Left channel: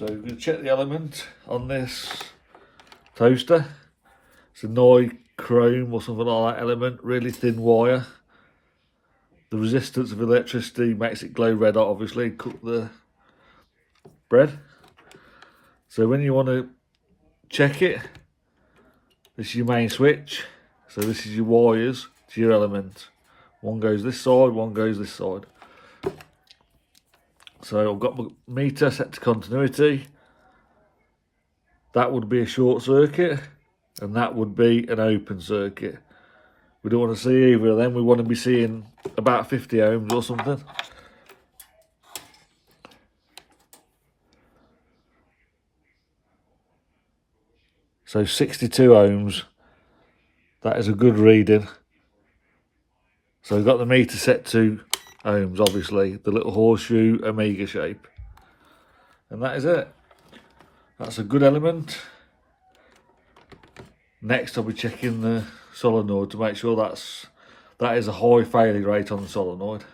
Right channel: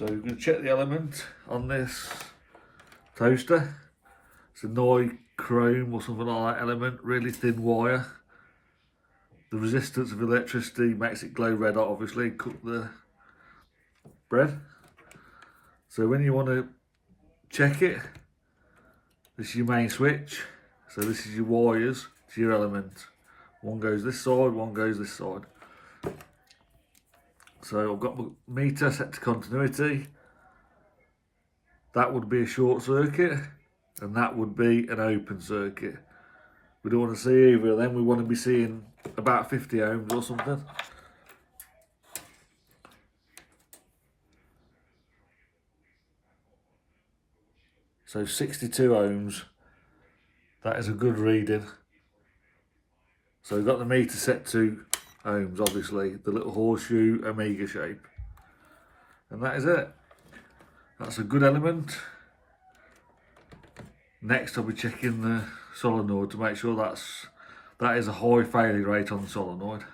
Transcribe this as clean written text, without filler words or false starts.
So we're going to check the element on this toaster. It's a Noi chrome or something like that element, really thin wire. The resistance of electricity makes it glow red, obviously, cook the bread. So when you want to check it, this is your main switch. So this is your wires to your element. One goes this side, one goes this side. So I've got my meter set to continuity. That would be a short circuit, and that would be an open circuit. We don't want to see either of them. We want to be seeing about 50 ohms or something. So 62 ohms. That is a good reading. So we've got the meter set to ohms, obviously, the little horseshoe omega shape. And that is it. That's a good element. Next I'll be checking the solenoid to make sure that is a high failure rate on the solenoid.